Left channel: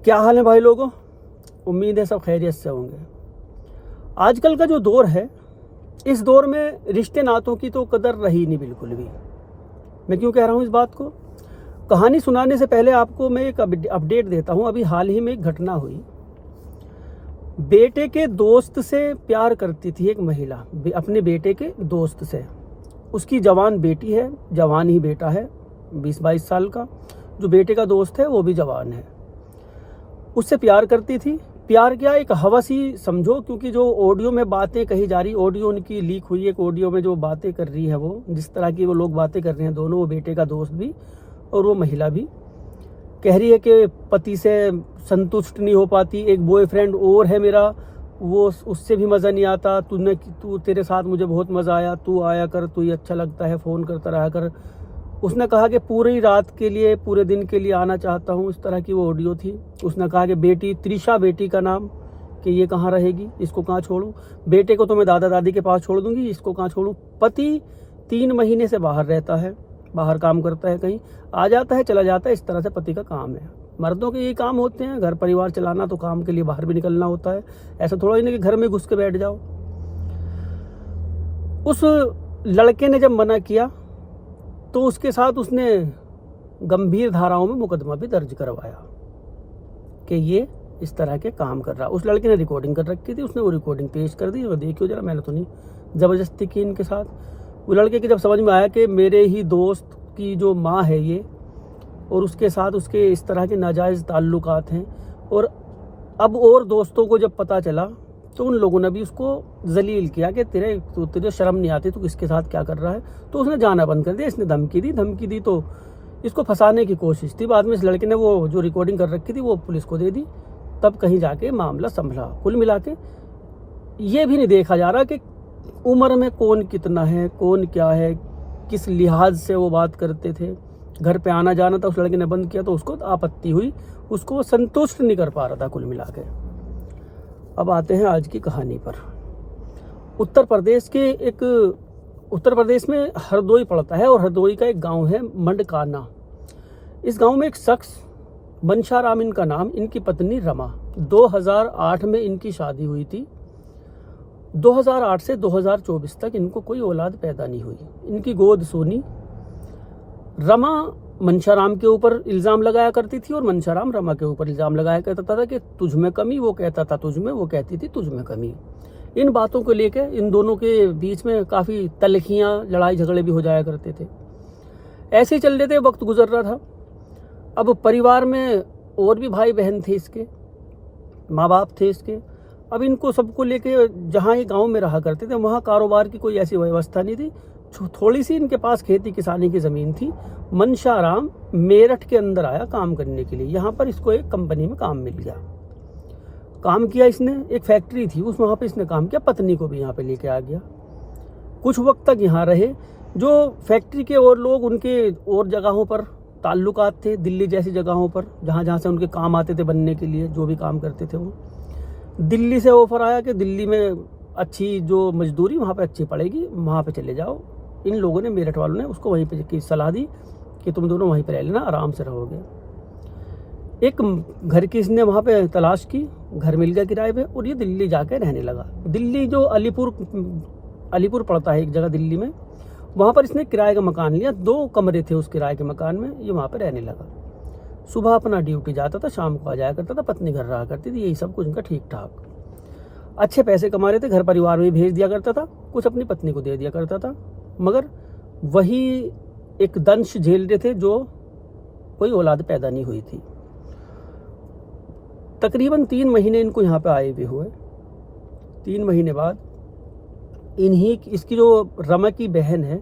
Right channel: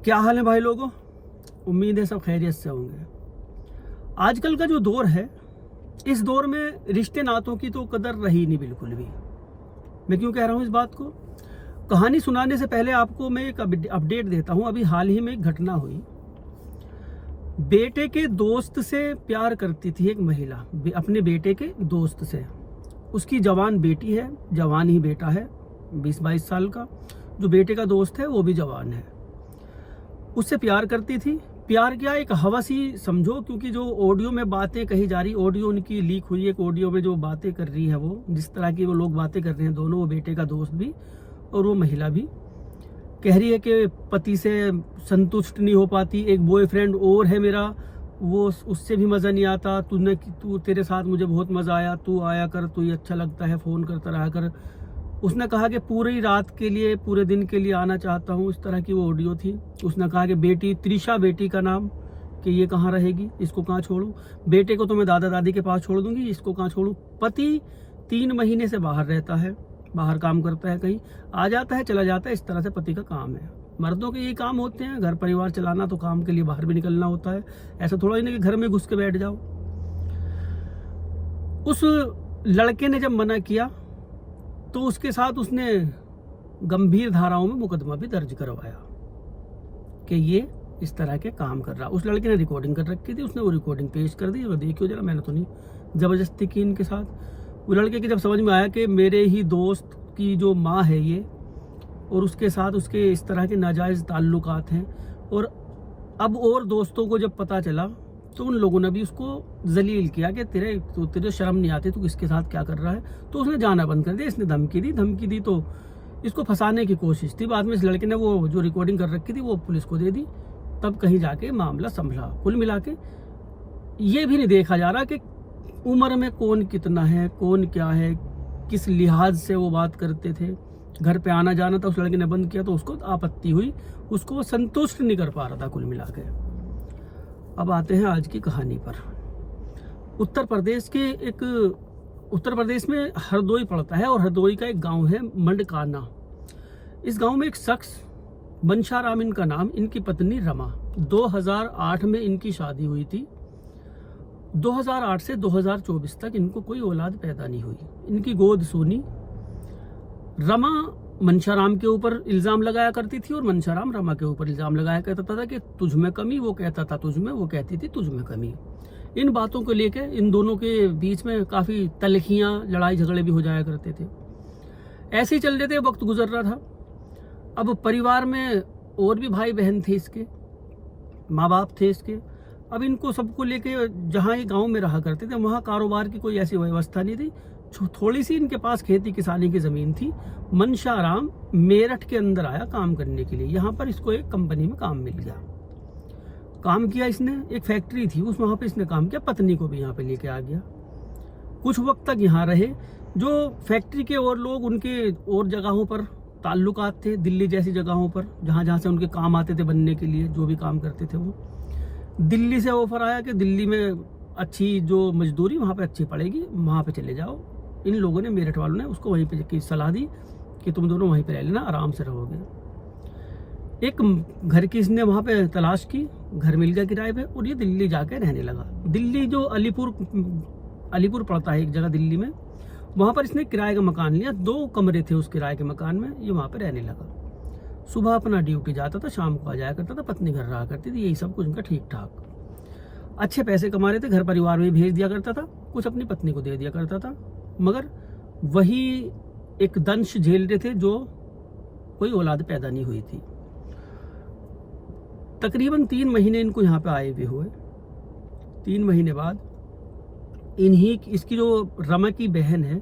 क्या हाल है भाई लोगों। उम्मीद है सब खैरियत से होंगे। आजकल का जो दौर है, इस दौर में रिश्ते नातों की तो कदर रही नहीं बिल्कुल भी। मैं क्यों कह रहा हूँ इस बात को? कहानी सुनाने से पहले आपको मैं एक अपडेट देता हूँ। अभी हाल ही में एक घटना हुई। बेटे के दोस्त से प्यार करती थी एक महिला, अपने बेटे के दोस्त से। उसकी जवान बेटी है, जवान ही बेटा है 20-22 साल का। जो बेटे का दोस्त है वो भी जवान है। उससे प्यार करती थी। प्यार क्या, एक हवस ही समझो, क्योंकि जो ऑडियो में बातें कही जा रही, ऑडियो उनकी लीक हुई, एक ऑडियो में जो बातें कर रही है वो, जिस तरह की वो लोग बातें कर रहे हैं दोनों, वो बेटे का दोस्त भी और वो महिला भी, कह रही है कि पति से संतुष्ट नहीं हो पाती, एक बॉयफ्रेंड और है मेरा, वो उससे भी मज़ा नहीं आता, तू तेरे साथ मुझे बहुत मज़ा आया, तू आया कर, तू ही अच्छा लगता है, फ़ोन करता रहा कर। उसने कहा कि पूरी रात के लिए, पूरे दिन के लिए आना चाहता हूँ, इस तरह की वो ऑडियो थी। उसने कहा कि बेटी, त्रिशा बेटी का नाम, कि ये कहाँ रहेगी, इसको कहाँ छोड़ूं, बेटे को तो मैं दादा दादी के पास छोड़ दूंगी, इसको कहाँ छोड़ूं। पति 3 महीने से बाहर रहता है, बाहर काम करता है, कहीं आ जाता है चला जाता है, इस तरह से पति का काम है। मर्दों के यही काम होते हैं, घर परिवार चलाना, तो काम के लिए बाहर भी निकलना होता है। ऐसा थोड़ा ही नहीं कि घर में घुस के बैठ जाओ। उस लड़के ने जब मना किया तो उसके साथ उसने गंभीर धाराओं में मुकदमा भी दर्ज करवाया कि ये इस तरह के काम कर रहा। उस लड़के ने रिकॉर्डिंग कर रखी थी, उसने वो रिकॉर्डिंग पेश कर दी और देखियो जरा, मैंने तो नहीं ज़बरदस्ती की इनके साथ। वो लड़के की जब समझ में आया कि मेरे ही दोस्त की जो माँ है ये, और उसके साथ उसके इस तरह के नाजायज़ ताल्लुकात हैं, और अब और दोस्तों को जब पता चला तो उन लोगों ने भी उसको जलील किया कि तुझे शर्म नहीं आती, तू किसके साथ क्या कर रहा है। तो उसने जाना बंद कर दिया। इसने धमकी दी तो इसको फंसाने की कोशिश थी। बाद में इस लड़के ने वो जो रिकॉर्डिंग कर रखी थी वो पुलिस को दे दी, तब कहीं जाके मामला संभला। कुल मिला के ये भी नहीं देखा जा रहा कि उम्र में कौन कितना है, कौन क्या है, किस लिहाज से वो बात करते थे। घर पे आना जाना था, उस लड़के ने बंद किया तो उसको आपत्ति हुई, उसको वो संतुष्ट नहीं कर पा रहा था कुल मिला के। अब आते हैं आज की कहानी पर। उत्तर प्रदेश में हरदोई पड़ता है, और हरदोई का एक गांव है मंडकाना। इस गांव में एक शख्स, मनशाराम इनका नाम, इनकी पत्नी रमा, 2008 में इनकी शादी हुई थी। 2008 से 2024 तक इनको कोई औलाद पैदा नहीं हुई। इनकी गोद सोनी। रमा मनशाराम के ऊपर इल्ज़ाम लगाया करती थी और मनशाराम रमा के ऊपर इल्ज़ाम लगाया करता था कि तुझ में कमी, वो कहता था तुझ में, वो कहती थी तुझ में कमी। इन बातों को लेके इन दोनों के बीच में काफ़ी तलखियाँ, लड़ाई झगड़े भी हो जाया करते थे। ऐसे ही चल रहे थे, वक्त गुजर रहा था। अब परिवार में और भी भाई बहन थे, इसके माँ बाप थे इसके। अब इनको सबको लेके, जहाँ ये गाँव में रहा करते थे, वहाँ कारोबार की कोई ऐसी व्यवस्था नहीं थी। थोड़ी सी इनके पास खेती किसानी की ज़मीन थी। मनशाराम मेरठ के अंदर आया काम करने के लिए। यहाँ पर इसको एक कंपनी में काम मिल गया। काम किया इसने, एक फैक्ट्री थी उस, वहाँ पे इसने काम किया। पत्नी को भी यहाँ पे लेके आ गया। कुछ वक्त तक यहाँ रहे। जो फैक्ट्री के और लोग, उनके और जगहों पर ताल्लुकात थे, दिल्ली जैसी जगहों पर, जहाँ जहाँ से उनके काम आते थे बनने के लिए, जो भी काम करते थे वो। दिल्ली से ऑफर आया कि दिल्ली में अच्छी जो मजदूरी वहाँ पे अच्छी पड़ेगी, वहाँ पे चले जाओ। इन लोगों ने, मेरठ वालों ने उसको वहीं पे की सलाह दी कि तुम दोनों वहीं पे रह लेना, आराम से रहोगे। एक घर की इसने वहाँ पे तलाश की, घर मिल गया किराए पे, और ये दिल्ली जाके रहने लगा। दिल्ली जो अलीपुर पड़ता है एक जगह दिल्ली में, वहाँ पर इसने किराए का मकान लिया। 2 कमरे थे उस किराए के मकान में, ये वहाँ पे रहने लगा। सुबह अपना ड्यूटी जाता था, शाम को आ जाया करता था, पत्नी घर रहा करती थी, यही सब कुछ उनका ठीक ठाक। अच्छे पैसे कमा रहे थे, घर परिवार में भेज दिया करता था, कुछ अपनी पत्नी को दे दिया करता था। मगर वही एक दंश झेल रहे थे, जो कोई औलाद पैदा नहीं हुई थी। तकरीबन 3 महीने इनको यहाँ पे आए हुए हुए। 3 महीने बाद इसकी जो रमा की बहन है,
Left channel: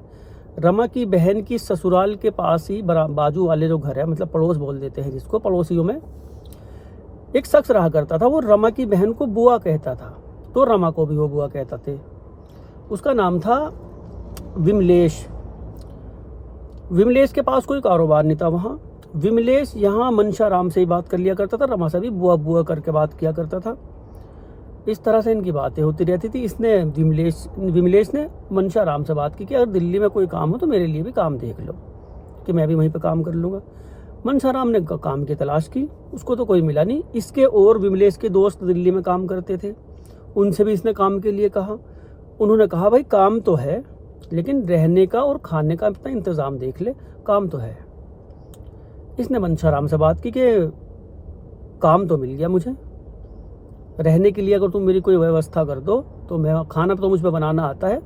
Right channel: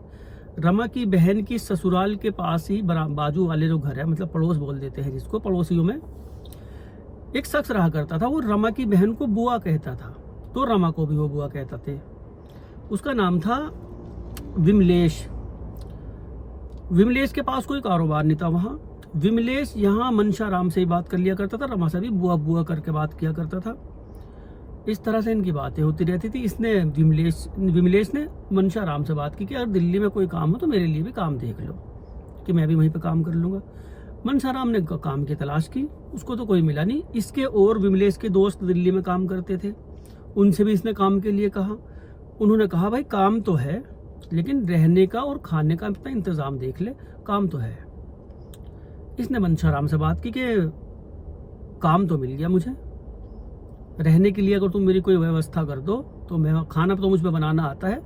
रमा की बहन की ससुराल के पास ही बाजू वाले जो घर है, मतलब पड़ोस बोल देते हैं जिसको, पड़ोसियों में एक शख्स रहा करता था। वो रमा की बहन को बुआ कहता था, तो रमा को भी वो बुआ कहता थे। उसका नाम था विमलेश। विमलेश के पास कोई कारोबार नहीं था वहाँ। विमलेश यहाँ मनशाराम से ही बात कर लिया करता था, रमा से भी बुआ बुआ करके बात किया करता था। इस तरह से इनकी बातें होती रहती थी। इसने विमलेश ने मनशाराम से बात की कि अगर दिल्ली में कोई काम हो तो मेरे लिए भी काम देख लो, कि मैं भी वहीं पे काम कर लूँगा। मनसाराम ने काम की तलाश की, उसको तो कोई मिला नहीं। इसके और विमलेश के दोस्त दिल्ली में काम करते थे, उनसे भी इसने काम के लिए कहा। उन्होंने कहा भाई काम तो है, लेकिन रहने का और खाने का अपना इंतज़ाम देख ले, काम तो है। इसने मनसाराम से बात की कि काम तो मिल गया मुझे, रहने के लिए अगर तुम मेरी कोई व्यवस्था कर दो तो मैं, खाना तो मुझ पर बनाना आता है,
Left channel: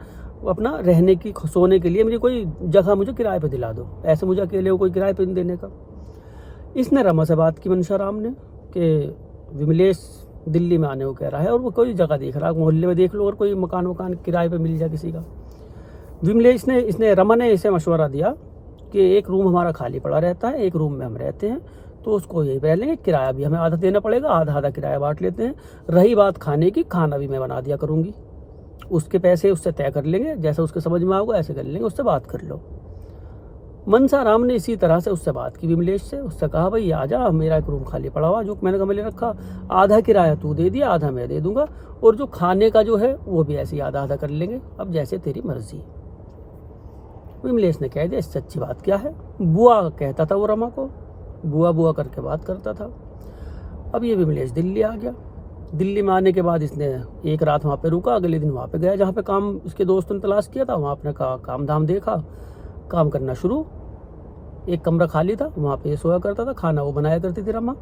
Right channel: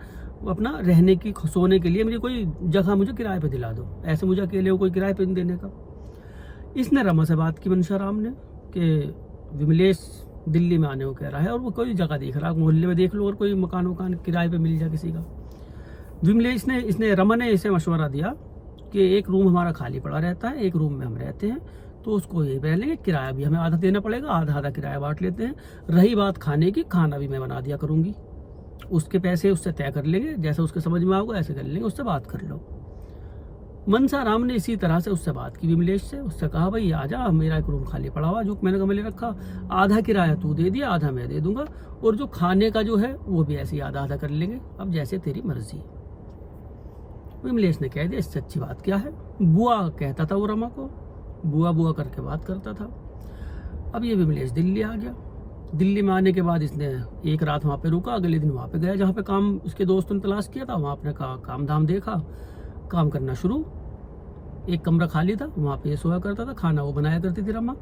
अपना रहने की सोने के लिए मेरी कोई जगह मुझे किराए पे दिला दो, ऐसे मुझे अकेले को कोई किराए पे नहीं देने का। इसने रमा से बात की मनसाराम ने कि विमलेश दिल्ली में आने को कह रहा है और वो कोई जगह देख रहा है, मोहल्ले में देख लो और कोई मकान वकान किराए पे मिल जाए किसी का। विमलेश ने इसने रमा ने इसे मशवरा दिया कि एक रूम हमारा खाली पड़ा रहता है, एक रूम में हम रहते हैं, तो उसको यही रह लेंगे, किराया भी हमें आधा देना पड़ेगा, आधा आधा किराया बांट लेते हैं। रही बात खाने की, खाना भी मैं बना दिया करूँगी, उसके पैसे उससे तय कर लेंगे, जैसे उसके समझ में आएगा ऐसे कर लेंगे, उससे बात कर लो। मनसाराम ने इसी तरह से उससे बात की विमलेश से, उससे कहा भाई आ जा, मेरा एक रूम खाली पड़ा हुआ जो मैंने कमरे ले रखा, आधा किराया तू दे दिया, आधा मैं दे दूंगा, और जो खाने का जो है वो भी ऐसे ही आधा आधा कर लेंगे, अब जैसे तेरी मर्जी। विमलेश ने कह दिया इससे अच्छी बात क्या है, बुआ कहता था वो रमा को, बुआ बुआ करके बात करता था। अब ये विमलेश दिल्ली आ गया। दिल्ली में आने के बाद इसने एक रात वहाँ पे रुका, अगले दिन वहाँ पे गया जहाँ पे काम इसके दोस्तों ने तलाश किया था, वहाँ अपने काम धाम देखा, काम करना शुरू। एक कमरा खाली था, वहाँ पे सोया करता था, खाना वो बनाया करती थी रमा,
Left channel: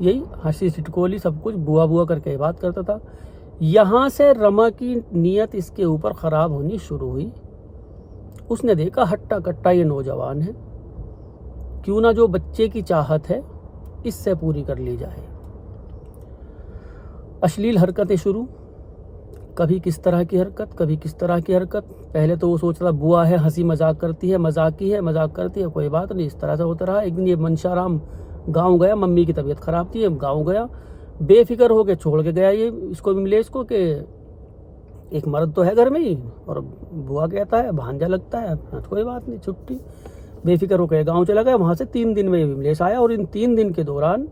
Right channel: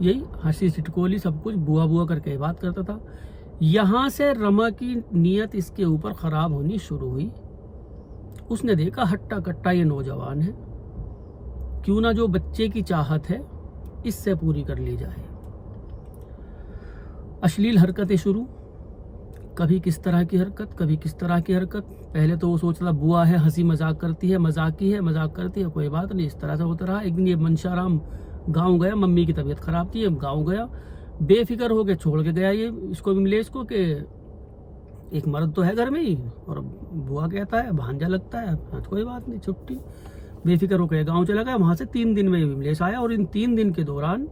यही हंसी सिटकोली सब कुछ बुआ बुआ करके बात करता था। यहाँ से रमा की नीयत इसके ऊपर ख़राब होनी शुरू हुई। उसने देखा हट्टा कट्टा ये नौजवान है, क्यों ना जो बच्चे की चाहत है इससे पूरी कर ली जाए। अश्लील हरकतें शुरू, कभी किस तरह की हरकत, कभी किस तरह की हरकत। पहले तो वो सोच रहा बुआ है, हंसी मजाक करती है, मजाकी है, मजाक करती है, कोई बात नहीं, इस तरह से होता रहा। एक दिन ये मनसाराम गांव गया, मम्मी की तबीयत खराब थी, गांव गया, बेफिक्र होके छोड़ के गया ये इसको विमलेश को कि एक मर्द तो है घर में ही, और बुआ कहता है भांजा लगता है, तो कोई बात नहीं, छुट्टी। बेफिक्र होकर गाँव चला गया। वहाँ से 3 दिन में विमलेश आया, और इन 3 दिन के दौरान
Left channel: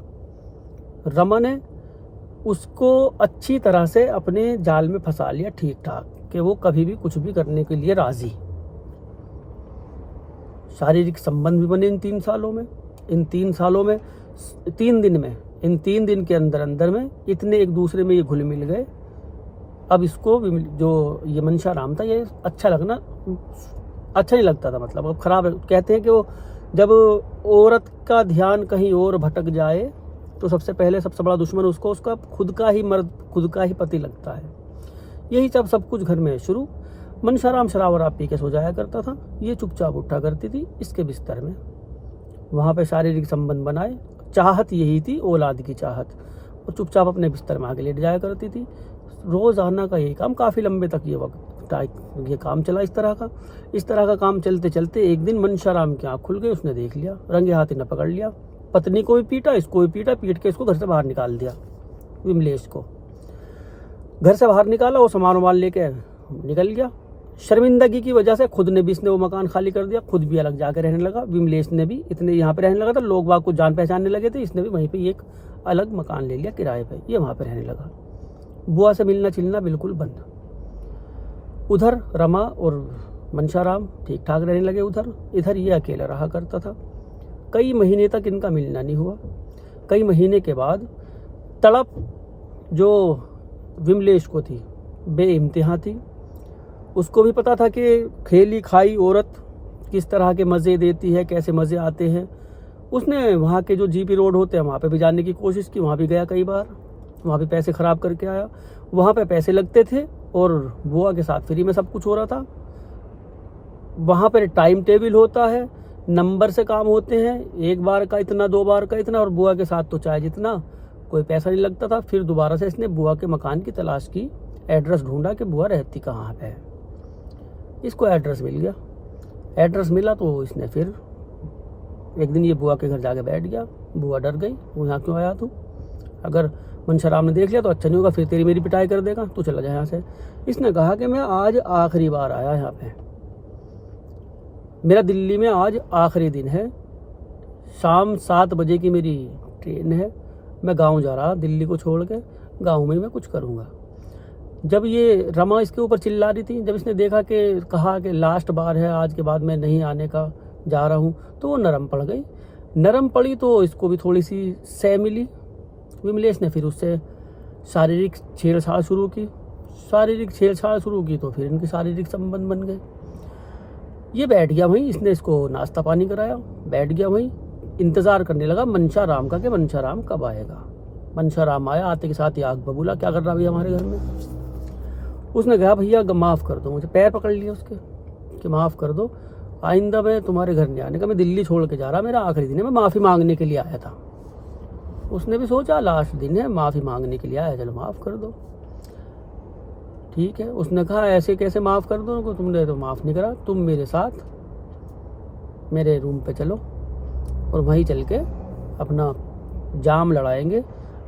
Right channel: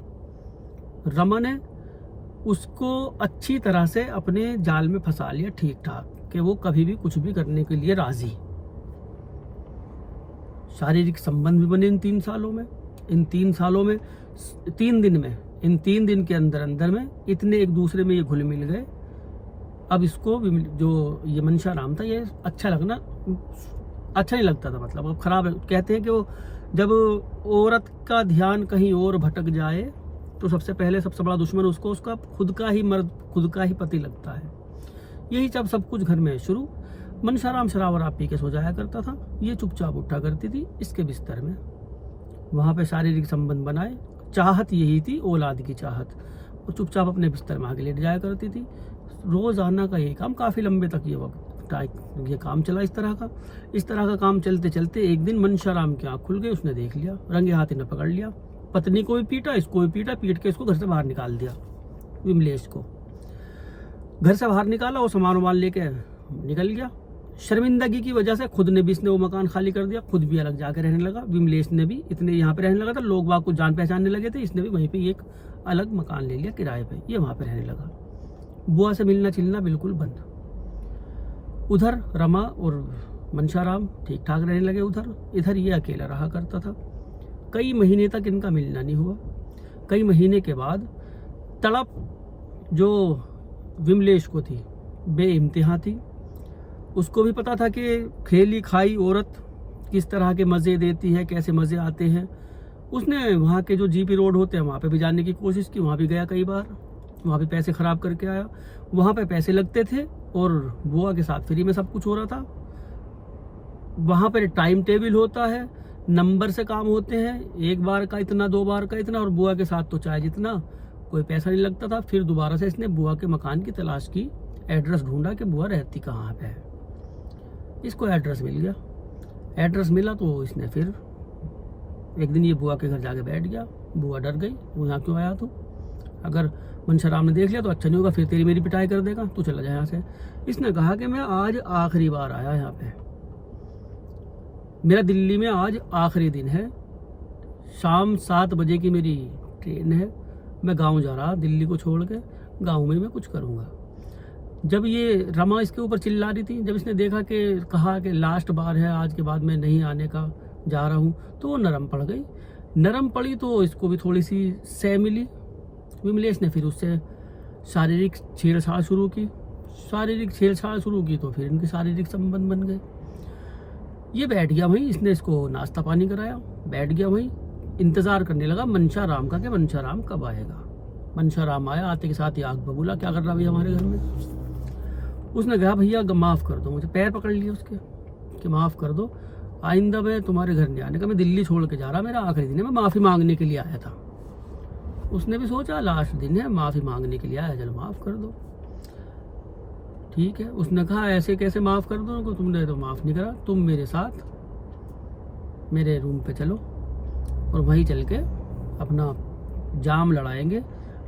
रमा ने उसको अच्छी तरह से अपने जाल में फंसा लिया, ठीक ठाक, कि वो कभी भी कुछ भी करने के लिए राजी। शारीरिक संबंध भी बने इन 3 सालों में। इन 3 सालों में 3 दिन में, इन 3 दिन के अंदर अंदर में इतने एक दूसरे में ये घुल मिल गए। अब इसको जो ये मनसाराम था, ये अच्छा लगना अच्छा नहीं लगता था, मतलब अब खराब है। कहते हैं कि वो जब औरत का ध्यान कहीं और भटक जाए तो सबसे पहले सबसे बड़ा दुश्मन उसको उसका खुद का ही मर्द, खुद का ही पति लगता है। यही सब कुछ घर में शुरू। मनसाराम शराब वराब पी के सो जाया करता था, ये चुपचाप उठा करती थी इसके बिस्तर में, वहाँ पे शारीरिक संबंध बनाए। चाहत यही थी, औलाद की चाहत, और चुपचाप अपने बिस्तर में आके लेट जाया करती थी। रोज़ाना का यही काम, काफ़ी लंबे तक ये काम चला। इस तरह का काम चलते चलते एक दिन मनसाराम की आँख खुल गई, उसने देख लिया, रंगे हाथ ने पकड़ लिया, पत्नी को भी पीटा, इसको भी पीटा, पीट के इसको घर से बाहर निकाल दिया। विमलेश को घर से बाहर निकाला, वो सामान वामान लेके निकल गया। शर्मिंदगी की वजह से खुद ने भी इसने वो मकान खाली कर दिया, खुद भी अलग जाकर रहने लगा। विमलेश ने भी इतने यहाँ पे रहने लगा था, लोग बाग को जान पहचानने लगे थे, इसने भी वहीं पे एक अलग मकान ले लिया किराए पे, ये वहाँ पे रहने लगा। बुआ से मिलना चिलना बिल्कुल बंद। उधर रमा और मनसाराम ठीक ठाक रहने लगे उधर, इधर ये अकेला रहा करता था। कई महीने तक इनका मिलना नहीं हुआ। कई महीने के बाद तड़प जो विमलेश को थी बेइंतहा थी। उसको भी पता था कि खेली खाई औरत किस तरह के मज़े देती है, कैसे मज़े आते हैं। उसने वहाँ के जो जीपी रोड होते हैं वहाँ पे भी जाने की कोशिश की, वहाँ भी गया कई बार, वहाँ पे पैसे ख़राब करके आया। वहाँ पे पैसे लगते थे और बुआ के साथ फ्री में सब कुछ हो रहा था। वहाँ पर टाइम टेबल होता है, नंबर से काम होते हैं, 1 बार का इतना, 2 बार का इतना, और बुआ के साथ तो चाहे जितना, कोई पैसा नहीं लगता था। फिर दोबारा से इसने बुआ के मकान की तलाश की, एड्रेस ढूंढा कि बुआ रहती कहाँ पे है। इसको एड्रेस मिल गया। एड्रेस मिला तो इसने फिर एक दिन ये बुआ के घर जाके बैठ गया। बुआ डर गई, वो यहाँ क्यों आया तू, अगर मनसाराम ने देख लिया तो अच्छा नहीं होगा, फिर तेरी मेरी पिटाई कर देगा, तू चला जाए यहाँ से। इसने कहा कि मैं आज आखिरी बार आया यहाँ पे, मेरा दिल्ली में आज आखिरी दिन है, शाम 7 बजे की मेरी ट्रेन है, मैं गांव जा रहा, दिल्ली को छोड़ के गांव में मैं कुछ करूँगा। जब ये रमा इसके ऊपर चिल्ला रही थी, जब इसने देखा कि कहा कि लास्ट बार है, आज के बाद मैं नहीं आने का जा रहा हूँ, तो वो नरम पड़ गई। नरम पड़ी तो इसको भी थोड़ी सी सह मिली। विमलेश ने फिर उससे शारीरिक छेड़छाड़ शुरू की। शारीरिक छेड़छाड़ शुरू की तो फिर इनके शारीरिक संबंध बन गए। ये बैठ गया वहीं, इसने इसको नाश्ता पानी कराया, बैठ गया वहीं, इंतज़ार करने लगा मनशा राम का कि मनशा राम कब आएगा। मनशा राम आया, आते के साथ ही आग बबूला, क्या कर रहा भैया हमारे घर में। उसने कहा भैया माफ़ कर दो मुझे, पैर पकड़ लिए उसके कि माफ़ कर दो, आइंदा मैं तुम्हारे घर नहीं आने का, मैं दिल्ली छोड़ के जा रहा, मेरा आखिरी दिन है, मैं माफ़ी मांगने के लिए आया था। उसने भी सोचा लास्ट दिन है, माफ़ी मांगने के लिए आया, चलो माफ़ कर दो, ठीक है। उसने कहा ऐसे कैसे माफ़ कर दो, तुमने तो माफ़ नहीं करा, तुम मेरे साथ मेरे रूम पे चलो और वहीं चल के अपना जाम लड़ाएंगे।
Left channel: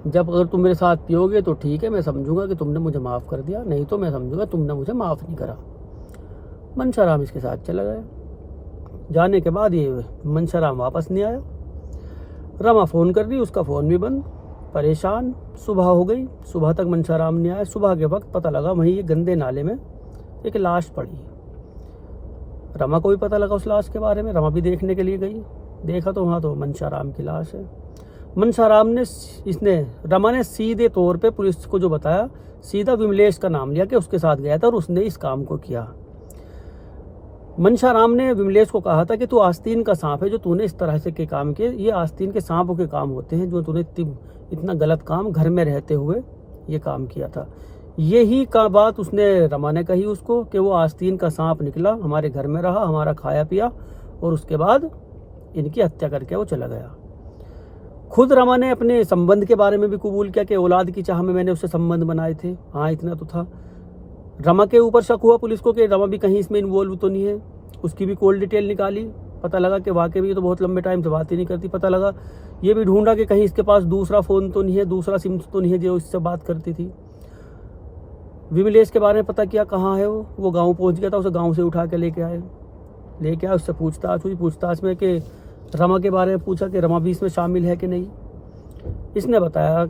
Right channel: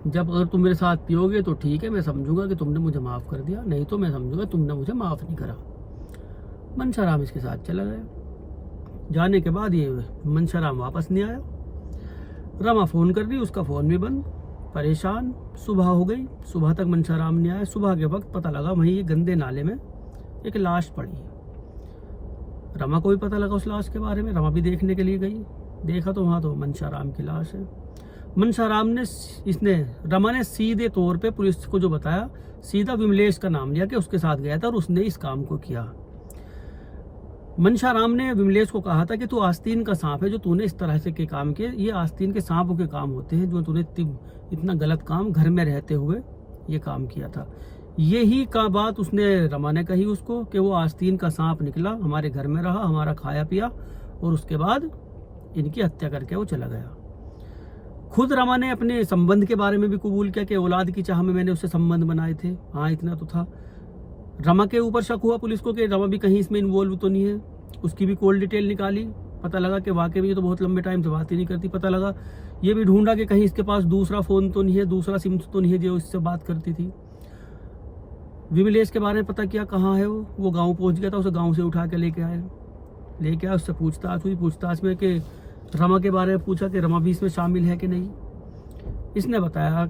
जब अगर तुम मेरे साथ पियोगे तो ठीक है, मैं समझूंगा कि तुमने मुझे माफ़ कर दिया, नहीं तो मैं समझूंगा तुमने मुझे माफ़ नहीं करा। मनशा राम इसके साथ चला गया। जाने के बाद ये मनशा राम वापस नहीं आया। रमा फ़ोन कर रही, उसका फ़ोन भी बंद, परेशान। सुबह हो गई, सुबह तक मनशा राम नहीं आया। सुबह के वक्त पता लगा वहीं ये गंदे नाले में एक लाश पड़ी है। रमा को भी पता लगा उस लाश के बारे में, रमा भी देखने के लिए गई। देखा तो वहाँ तो मनशा राम की लाश है। मनशा राम ने रमा ने सीधे तौर पे पुलिस को जो बताया, सीधा विमलेश का नाम लिया कि उसके साथ गया था और उसने इस काम को किया। मनशा राम ने विमलेश को कहा था कि तू आस्तीन का सांप है, जो तूने इस तरह से के काम किए, ये आस्तीन के सांपों के काम होते हैं, जो तूने इतना गलत काम घर में रहते हुए ये काम किया था। यही का बात उसने रमा ने कही उसको कि वो आस्तीन का सांप निकला, हमारे घर में रहा, हमारा खाया पिया और उसके बाद इनकी हत्या करके वो चला गया। खुद रमा ने अपने संबंध के बारे में भी कबूल किया कि औलाद की चाह में मैंने उससे संबंध बनाए थे। हाँ, इतना तो था। रमा के ऊपर शक हुआ पुलिस को कि रमा भी कहीं इसमें इन्वॉल्व तो नहीं है। उसकी भी कॉल डिटेल निकाली, पता लगा कि वाकई में ये तो बहुत लंबे टाइम से बात ही नहीं करती। पता लगा, ये भी ढूंढा कि कहीं इसके पास दूसरा फ़ोन तो नहीं है, दूसरा सिम तो नहीं है जो इससे बात करती थी। विमलेश के बारे में पता किया, कहाँ है वो गाँव पहुँच गया था, उसे गाँव से उठा के लेके आए, उससे पूछताछ हुई। पूछताछ में कि रमा के बारे में पूछा कि रमा भी इसमें शामिल है कि नहीं। इसने बताया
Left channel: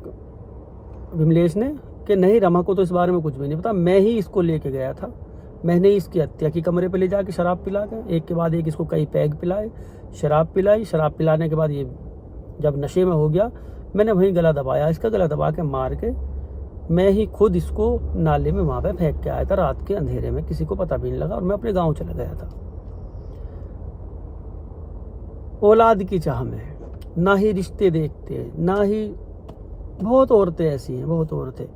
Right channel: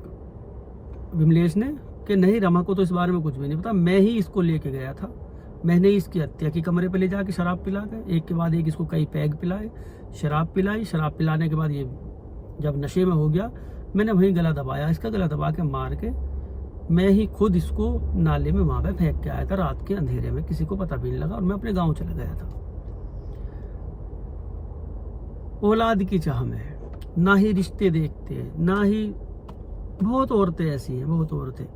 विमलेश ने कि नहीं, रमा को तो इस बारे में कुछ भी नहीं पता, मैं ही इसको लेके गया था, मैंने इसकी हत्या की, कमरे पे ले जाके शराब पिला के, एक के बाद एक इसको कई पैग पिलाए, शराब पिलाई। शराब पिलाने के बाद ये जब नशे में हो गया, मैंने वहीं गला दबाया, इसका गला दबा के मार के मैं ही खुद इसको नाले में वहाँ पे फेंक के आया था रात के अंधेरे में, किसी को पता भी नहीं लगा और मैं अपने गाँव चला गया था। औलाद की चाह में ना ही रिश्ते देखते, ना ही, बहुत औरतें ऐसी हैं, बहुत औरतें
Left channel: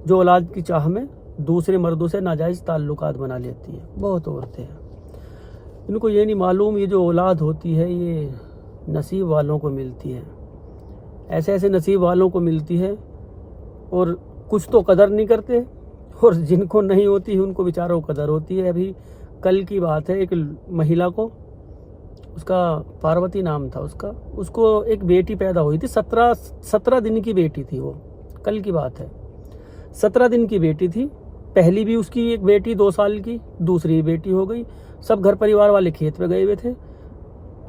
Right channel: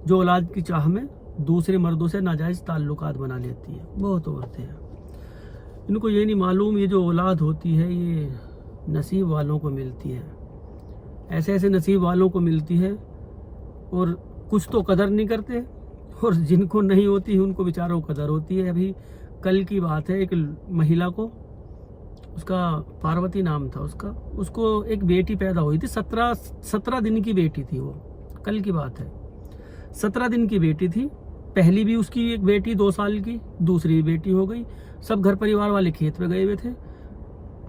जो औलाद की चाह में दूसरे मर्दों से नाजायज़ ताल्लुकात बना लेती हैं। बहुत औरतें हैं, इनको ये नहीं मालूम ये जो औलाद होती है ये नसीब वालों को मिलती है, ऐसे ऐसे नसीब वालों को मिलती है और कुछ तो कदर नहीं करते और जिनको नहीं होती उनको बेचारों को कदर होती है। अभी कल की बात है, एक महिला को, उसका पार्वती नाम था उसको एक बेटी पैदा हुई थी। 17 दिन की बेटी थी वो, कल की बात है। 17 दिन की बेटी थी। पहली भी उसकी एक बेटी 2 साल की, दूसरी बेटी हो गई। सब घर परिवार वाले खेत पे गए हुए थे।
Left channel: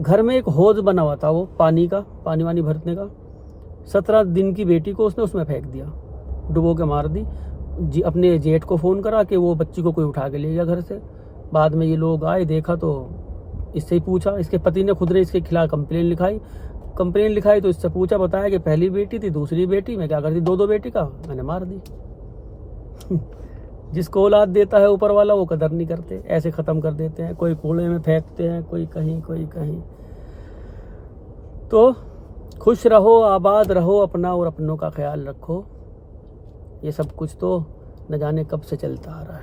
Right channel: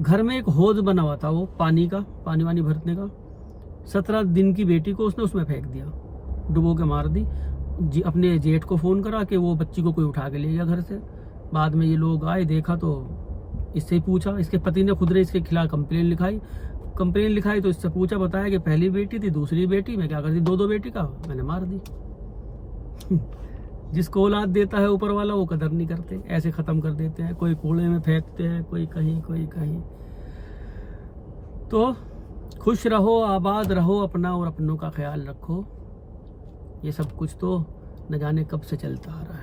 घर में एक हौज बना हुआ था वो पानी का, पानी वानी भरने का। 17 दिन की बेटी को उसने उसमें फेंक दिया, डुबो के मार दी। अपने जेठ को फ़ोन करा कि वो बच्ची को कोई उठा के ले गया घर से। बाद में ये लोग आए, देखा तो इससे ही पूछा, इसके पति ने खुद ने इसके खिलाफ कंप्लेन लिखाई तो इससे पूछा, बताया कि पहली बेटी थी, दूसरी बेटी मैं क्या करती, 2 बेटी का मैंने मार दी। जिसको औलाद देता है ऊपर वाला वो कदर नहीं करते, ऐसे ख़त्म कर देते हैं। कोई कूड़े में फेंकते हैं, कोई कहीं कोई कहीं। तो खुश रहो, आबाद रहो, अपना और अपनों का ख्याल रखो। ये सब कुछ तो न जाने कब से चलता आ रहा है।